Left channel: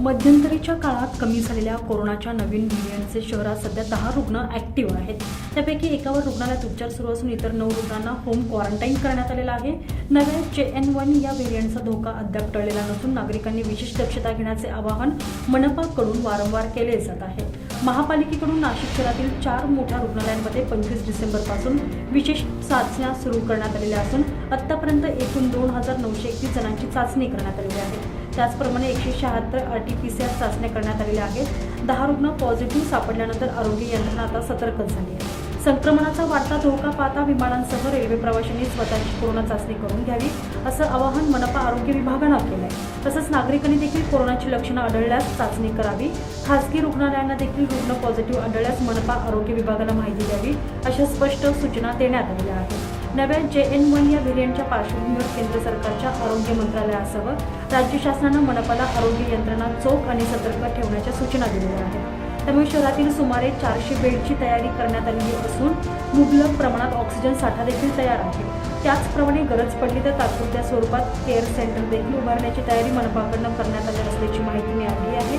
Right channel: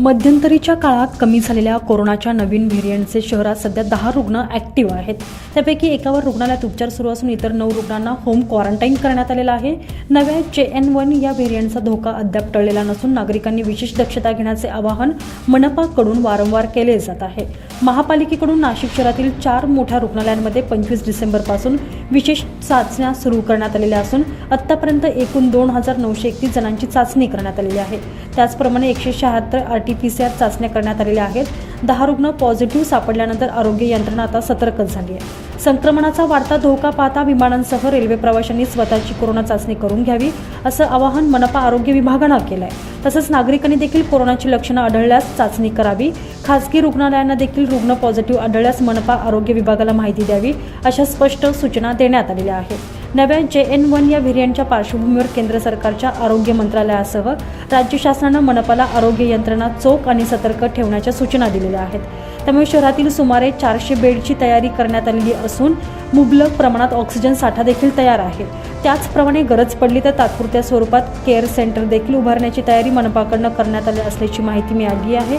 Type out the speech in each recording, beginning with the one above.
मध्यंतरीच्या काळात कमी झालेल्या कोरोनाच्या नवीन व्हेरियंटचे शहरात सध्या दहा रुग्ण ॲक्टिव्ह आहेत. त्यापैकी एकावर रुग्णालयात उपचार सुरू असून इतर नऊ रुग्णांना होम क्वारंटाईन करण्यात आलेलं आहे. नव्या जे एन वन या व्हेरियंटचा धोका अद्याप टळलेला नसून नागरिकांनी विशेष दक्षता घेण्याचे आवाहन मनपाकडून वारंवार केले जात आहे. महापालिकेकडून नाशिक शहरातील चार मोठ्या रुग्णालयांमध्ये पंचवीस डिसेंबरपासून विशेष चाचण्या सुरू करण्यात आलेल्या असून आत्तापर्यंत एकूण दोन हजार नऊशे एकतीस जणांची चाचणी करण्यात आलेली आहे. त्याचप्रमाणे एकशे शहात्तर R T P C R चाचण्या करण्यात आलेल्या आहेत. दहा रुग्ण पॉझिटिव्ह सापडल्यानंतर आरोग्य यंत्रणा आता सतर्कच झाली आहे. संक्रमणाचा वाढता धोका पाहता विमानांसह रेल्वे प्रवाशांनी स्वतःची कोरोना चाचणी करून घ्यावी असं आवाहन मनपा आरोग्य विभागानं केलं आहे तसंच नागरिकांनी देखील कोरोनाची लक्षणं आढळल्यास चाचणी करावी. खासगी रुग्णालयांना देखील रुग्ण पॉझिटिव्ह आढळल्यास मनपा आरोग्य विभागाला माहिती द्यावी अशा स्पष्ट सूचना देण्यात आलेल्या आहेत. नव्या जे एन वन या व्हेरियंटच्या पार्श्वभूमीवर केंद्र सरकारच्या आरोग्य मंत्रालयासह राज्य शासनानं मनपाला आरोग्य यंत्रणा चोख आणि सतर्क ठेवण्याच्या सूचना दिलेल्या आहेत. त्यामुळे शहरातील सुमारे चारशे बेडची तयारी करण्यात आलेली असून मुबलक प्रमाणात ऑक्सिजन साठा देखील तयार आहे. त्याचप्रमाणे गरज पडली तर तात्पुरत्या स्वरूपात केअर सेंटर देखील उभारण्याची तयारी मनपाकडनं करण्यात आली असल्याची माहिती मिळाली आहे.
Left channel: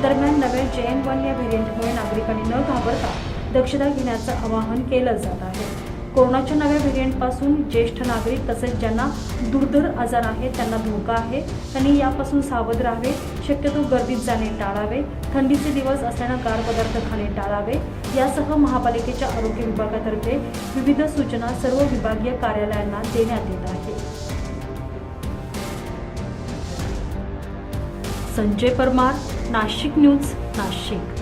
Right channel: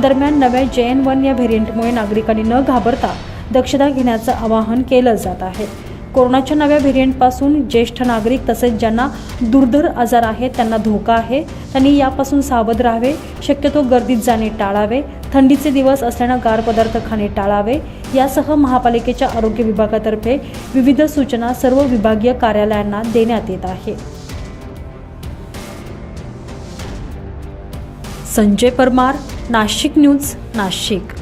दरम्यान नव्या जे एन वन या व्हेरियंटमुळे नागरिकांनी न घाबरता दक्षता घेण्याचं आवाहन केलं जात आहे. कोरोनाच्या नव्या व्हेरियंटपासून ज्येष्ठ नागरिक तसेच ज्यांना दुर्धर आजार आहेत त्यांना धोका आहे. त्यांनी यापासून सावध राहावे. शक्यतो गर्दीत जाणे टाळावे. थंडीचे दिवस असल्यानं गार पदार्थ खाणे टाळावे. यासह महापालिकेच्या आरोग्य विभागातर्फे विविध सूचना सर्व विभागीय कार्यालयांना देण्यात येत आहे. संजय परमार नाशिक न्यूज नाशिक.